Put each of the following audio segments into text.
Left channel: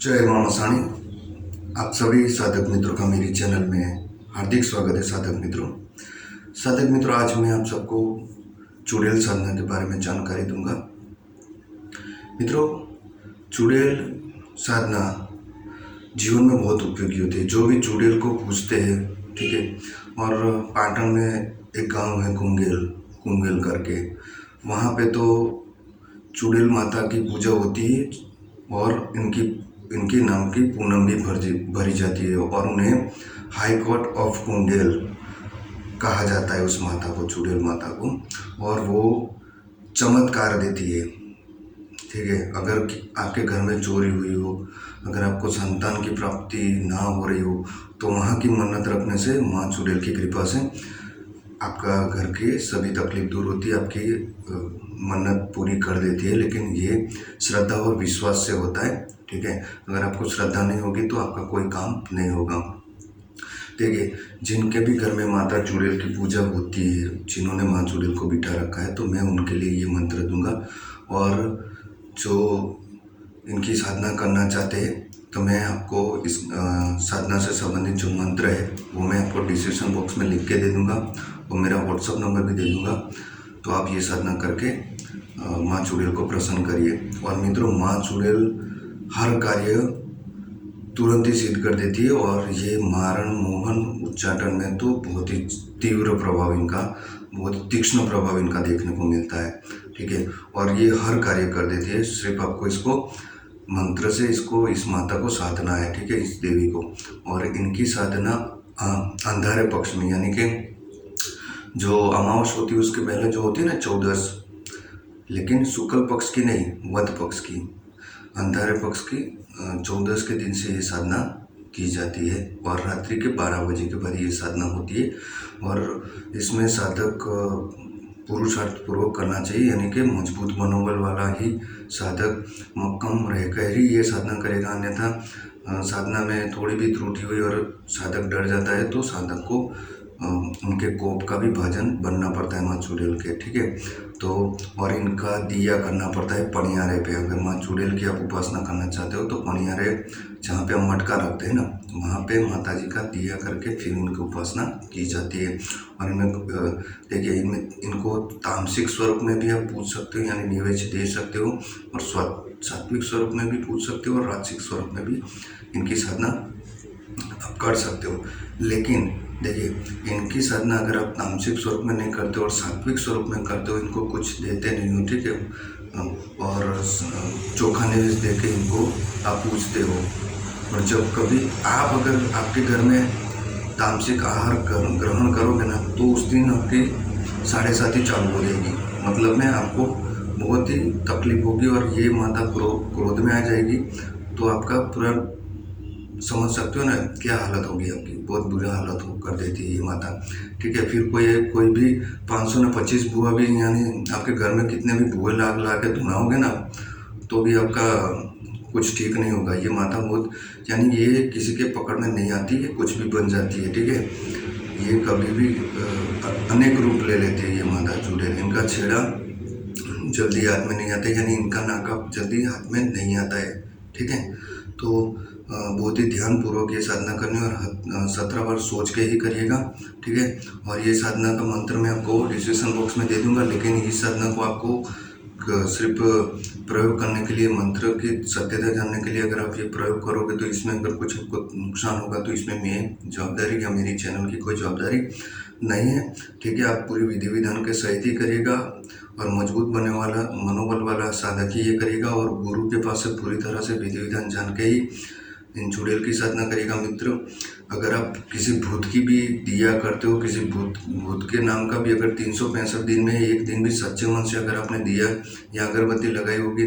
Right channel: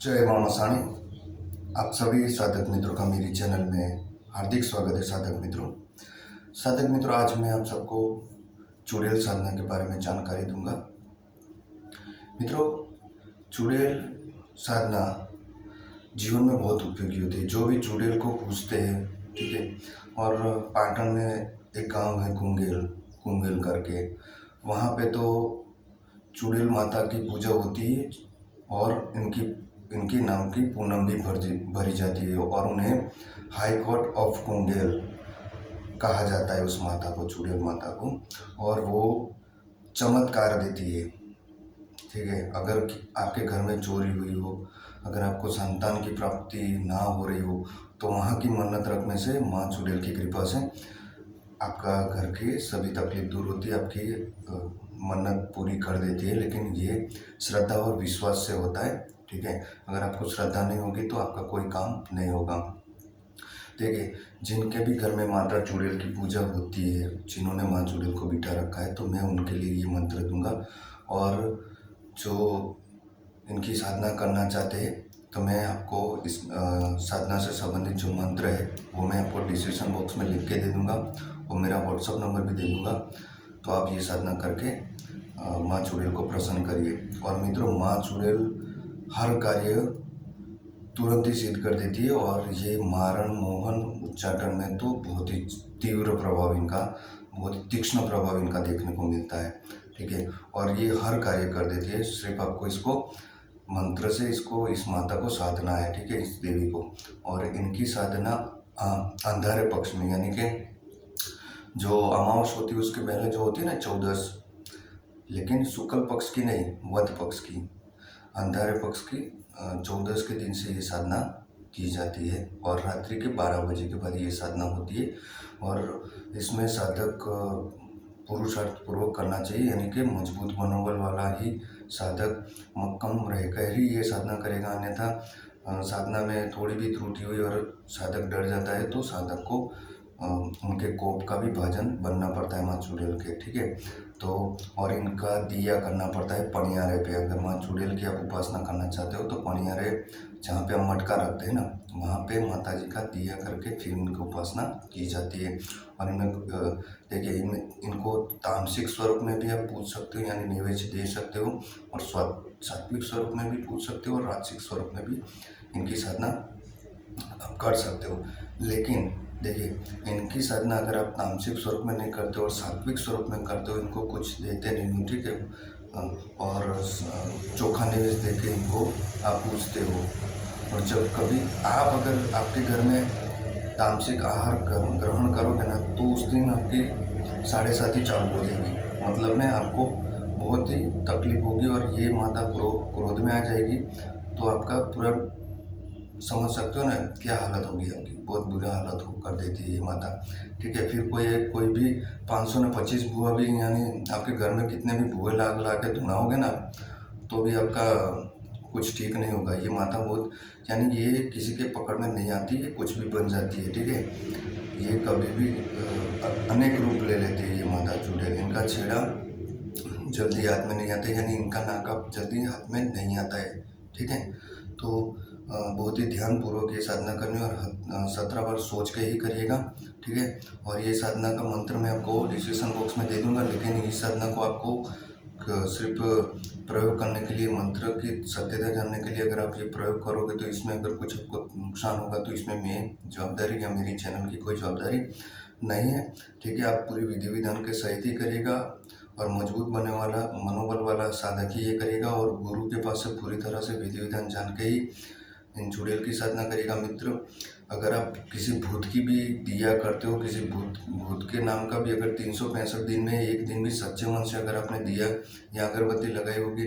जय मां मसाणी। आप सभी साधक मित्रों का मेरी चैनल में हार्दिक स्वागत है। साधक मित्रों, आज मैं आप सबको चुड़ैल साधना के बारे में जानकारी दूंगा। मित्रों, चुड़ैल साधना जीवन में बहुत उपयोगी होती है। जो भी चुड़ैल को पूजते हैं, ठीक है, और पाटन में एक गांव है कुंगेल करके, वहाँ पे तो चुड़ैल माता की पूजा होती है और इनके नाम की पूनम भी भरी जाती है और उन्हें हाई कोर्ट ऑफ कुंडेल कहा जाता है, उस माता को, चुड़ैल माता को। और वो चमत्कार देती है, ठीक है। अगर आपके घर में चोरी हुई हो, अगर आपको संतान की प्राप्ति ना हो रही हो, तो वहाँ की मन्नत रखने से माँ चुड़ैल की कृपा से आपका घर की सभी तकलीफ दूर होती है, आपकी मन्नत पूरी कर देती है। लेकिन ये श्रद्धा और विश्वास से होता है, ठीक है। अगर आपको श्रद्धा नहीं होगी तो आपका कोई काम नहीं होगा। देखिए, जिनके भी घर में माता चुड़ैल की पूजा होती है, जिन्होंने माँ चुड़ैल को बिठा रखा है, तो मैं उनके लिए ये मंत्र दूंगा। और जो इनकी साधना करना चाहते हैं, तो मैं आपको इस साधना से संबंधित जो मंत्र है वो मैं आपको डिस्क्रिप्शन बॉक्स में लिख के दे दूंगा और मेरा व्हाट्सअप नंबर भी दे दूंगा। तो आप ये साधना करके माँ चुड़ैल को प्रसन्न करिए। और मित्रों, माँ चुड़ैल हर कार्य तुरंत ही सिद्ध कर देती है और ये मारण मोहन उच्चाटन में तो बहुत ही तीव्र प्रभाव इनका, बहुत तीक्ष्ण प्रभाव इनका देखने को मिलता है, ठीक है। और ये हर कार्य कर देती है। सिर्फ आपको इसको मंत्र से इस माता को साधना है, ठीक है, इस देवी को। और इनकी साधना अंधारे पक्ष में, यानी कि जो अमावस होती है उसके पहले जो होती है ना, 14, लेकिन शुक्ल पक्ष की नहीं, वध पक्ष की, अंधारे पक्ष की 14 के दिन से ये साधना की जाती है और रात्रि के 12 बजे के बाद ये साधना होती है। और इसमें साधक पुरुषार्थ पूर्वक करना चाहिए, यानी कि मजबूत मनोबल वाला ही साधक मक्कम रहकर ही ये साधना करेगा। अन्यथा साधना में थोड़ी भी त्रुटि हुई और साधक डर जाता है तो साधक को उनके कोप का भी भाजन बनना पड़ता है माँ चुड़ैल के, ठीक है। तो और इनका दिया करना पड़ता है पनियारे पे। अगर माँ चुड़ैल की आप उपासना करना चाहते हो तो पनियारे, जहाँ पे हम मटका रखते हैं ना, वहाँ पे माता जी का दिया करके फिर उनकी उपासना की जाती है। और इनमें देखिए, इनको तामसिक स्वरूप में भी आप पूज सकते हो, यानी निवेद्य दे सकते हो, और सात्विक स्वरूप में भी पूज सकते हो और राजसिक स्वरूप में भी इनकी साधना आप कर सकते हो। लेकिन देखिए, इनकी साधना अगर आप तामसिक स्वरूप में नहीं करते और सात्विक स्वरूप में करते हो, इनको कुछ देते नहीं हो, ठीक है, और चोखा नैवेद्य दे के इनको आप पूजते हो। और जब कभी आप, अगर आपके घर में तामसिक आहार ग्रहण करोगे ना, तो उस दिन आपकी 7:30 चालू हो जाएगी। मतलब में आपको बहुत ही तकलीफ होगी और ये माता क्रोध में आ जाएगी, तो आपका पूरा, समझ सकते हो ना क्या हालत होगी आपकी, बहुत बुरी हालत हो कर देती है ये माता, ठीक है। फिर कोई भी 500 ने 25 बुआ भी, यानी आपके घर में कितने भी बुए ला के धुनाओगे ना, तो भी आपका कुछ ठीक नहीं होगा। ये माता बहुत, यानी ये किसी के पकड़ में नहीं आती है, कुछ भी बन जाती है, ठीक है। ये कभी भी अनेक रूप ले लेती है ये माता चुड़ैल। इनका छेड़ा जल्दी हाथ में नहीं आता, यानी इनका नाका जल्दी हाथ में नहीं आता है, ठीक है। तो बहुत ही ध्यानपूर्वक ये साधना करनी और 17 बार सोच के ही करिएगा, ठीक है। और ये साधना का मंत्र मैं आपको डिस्क्रिप्शन बॉक्स में दे दूंगा। लेकिन इस साधना को आपको सिर्फ प्रयोग करने के लिए, मंत्र की सत्यता जानने के लिए अगर आप ये प्रयोग करोगे, तो इसमें अगर कुछ आपको नुकसान होगा तो इसमें मेरी जवाबदारी या मेरी चैनल की कोई जवाबदारी नहीं है, ठीक है। आप पूरी विधि विधान के सहित ही करिएगा और मजबूत बनने वाला मनोबल वाला साधक ही ये करेगा और गुरु के पास से पूरी तरह से विधि विधान जान के ही इन चुड़ैल की साधना करेगा। मित्र, अगर आप किसी भूत की भी दिया करते हो, किसी भूत के नाम का भी अगर 365 दिन में एक दिन भी सच्चे मन से अगर आपने दिया या अगरबत्ती लगाई होगी,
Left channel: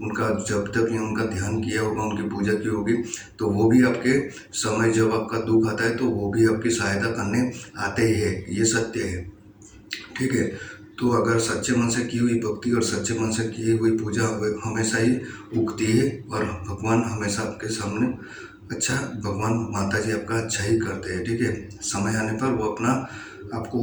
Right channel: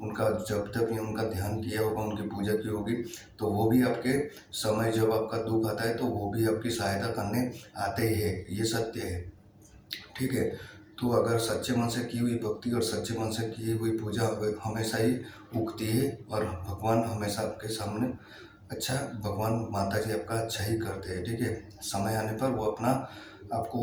उनका जब तक या उनका ध्यान किया होगा, उनकी पूजा की होगी, तो वो भी आपके समय जब आपका दुख आता है तो वो भी आपकी सहायता करने आते ही है, ये सत्य है, ठीक है। तो अगर सच्चे मन से की हुई भक्ति और सच्चे मन से की हुई पूजा हमेशा ही उगती है और भगवान हमेशा आपके सामने अच्छा, भगवान माता जी आपका अच्छा ही करते हैं, ठीक है। समय आने पर वो अपना आपको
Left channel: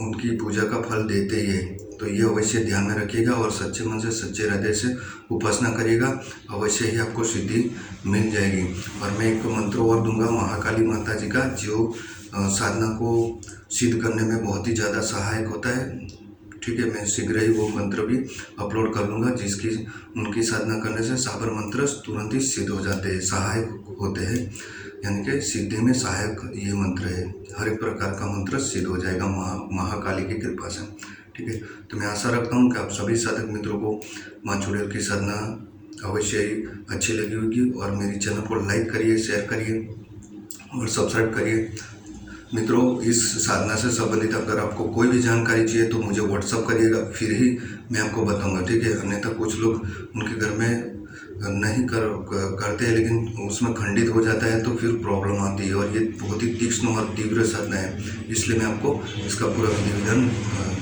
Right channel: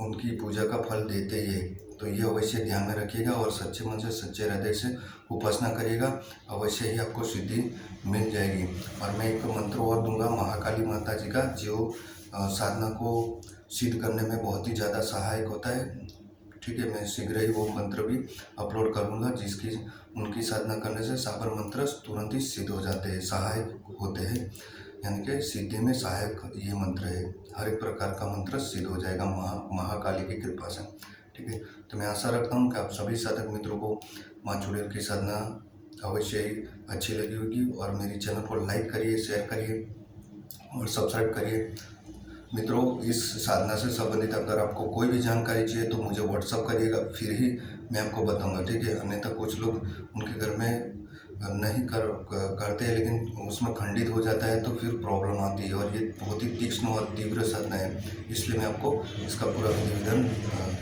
उनकी पूजा का फल देते ही है। तो ये अवश्य ध्यान में रखिएगा और सच्चे मन से सच्चे हृदय से उपासना करिएगा, अवश्य ही आपको सिद्धि मिल जाएगी। और मैं एक मंत्र और दूंगा महाकाली माता जी का, जो साधना को सिद्ध करने में बहुत ही ज़्यादा सहायक होता है। ठीक है, मैं शीघ्र ही वो मंत्र भी अपलोड कर लूँगा, जिसकी उनकी साधना करने से साबर मंत्र तुरंत ही सिद्ध हो जाते हैं, सहायक होते हैं। यानी कि सिद्धि में सहायक ये मंत्र है। हर एक प्रकार का मंत्र सिद्ध हो जाएगा महाकाली की कृपा से। ठीक है, तो मैं आशा रखता हूँ कि आप सभी साधक मित्रों को माँ चुड़ैल की साधना अवश्य ही अच्छी लगी होगी। और मेरी चैनल को लाइक करिए, शेयर करिए और सब्सक्राइब करिए। मित्रों, इस साधना से संबंधित अगर आपको कोई भी जानकारी चाहिए तो मुझे व्हाट्सअप करिएगा, फिर ही मैं आपको बताऊंगा। ठीक है, अन्यथा कुछ लोग उनके घर में नहीं करते हैं, लेकिन उसमें खंडित हो जाता है तो फिर प्रॉब्लम आती है। और ये बहुत ही तीक्ष्ण और तीव्र साधना है, इसलिए मैं आपको इसका पूरा विधि विधान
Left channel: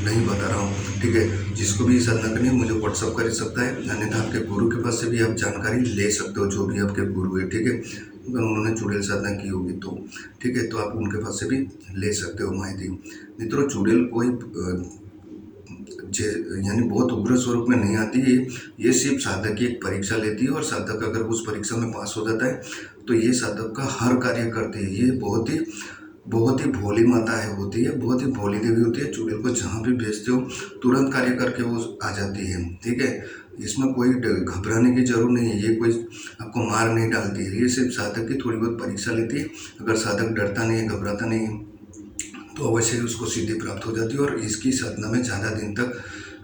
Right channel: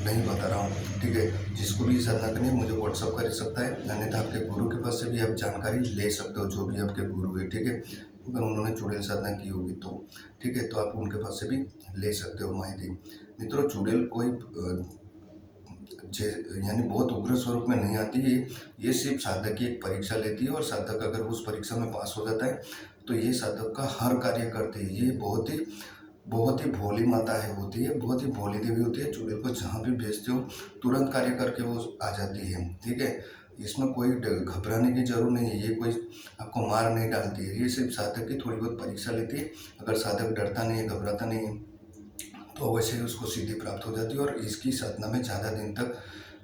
नहीं बता रहा हूँ। ठीक है, जिसको भी साधना करनी है मुझे व्हाट्सअप कर सकता है, अन्यथा आपके गुरु के पास से भी आप जानकारी ले सकते हो, जो भी आपके गुरु है। ठीक है, अगर उन्होंने चुड़ैल साधना की होगी तो ठीक है, तो आप उनके पास से भी ले सकते हो माहिती। मित्रों, चुड़ैल कोई यानी बहुत उग्र स्वरूप में नहीं आती है। ये सिर्फ साधक की एक परीक्षा लेती है, और साधक अगर उस परीक्षा में पास हो जाता है तो ये साधक का हर कार्य करती है। ये बहुत ही भोली माता है होती है, बहुत ही भोली देवी होती है। चुड़ैल को जहाँ भी भेजते हो तुरंत कार्य करके वो आ जाती है। ठीक है, इसमें कोई घबराने की जरूरत नहीं है, ये कोई आपको मार नहीं डालती है। ये सिर्फ साधक की थोड़ी बहुत परीक्षा लेती है। अगर साधक डरता नहीं है, घबराता नहीं है, तो अवश्य ही उसको सिद्धि प्राप्त हो जाती है। और इसकी साधना में ज़्यादा दिन तक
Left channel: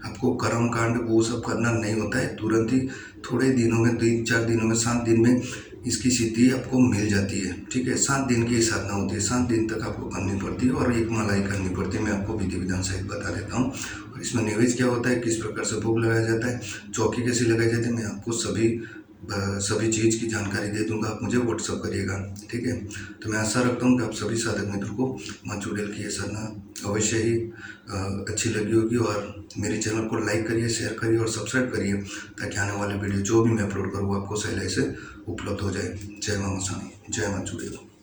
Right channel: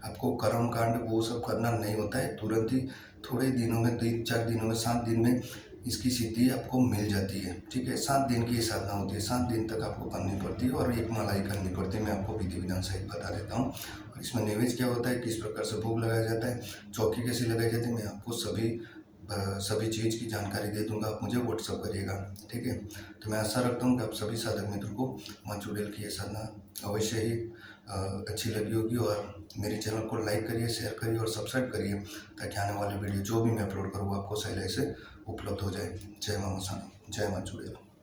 आपको कर्म कांड वो सब करना नहीं होता है, तुरंत ही थोड़े दिनों में, 3-4 दिनों में, 7 दिन में इसकी सिद्धि आपको मिल जाती है। ठीक है, 7 दिन की साधना होती है, 7 दिन तक आपको करनी पड़ती है और एक माला ही करनी पड़ती है। मैं आपको विधि विधान सहित बता देता हूँ। और इसमें नैवेद्य क्या होता है, किस प्रकार से भोग लगाया जाता है, चौकी कैसी लगाई जाती है, मैं आपको सभी चीज़ की जानकारी दे दूंगा। आप मुझे व्हाट्सअप करिएगा। ठीक है, तो मैं आशा रखता हूँ कि आप सभी साधक मित्रों को माँ चुड़ैल की ये साधना अवश्य ही अच्छी लगी होगी। और मेरे चैनल को लाइक करिए, शेयर करिए और सब्सक्राइब करिए, ताकि आने वाले वीडियो जो भी मैं अपलोड करूँ आपको सही से उपलब्ध हो जाए। जय माँ गोसाई, जय माँ चुड़ैल।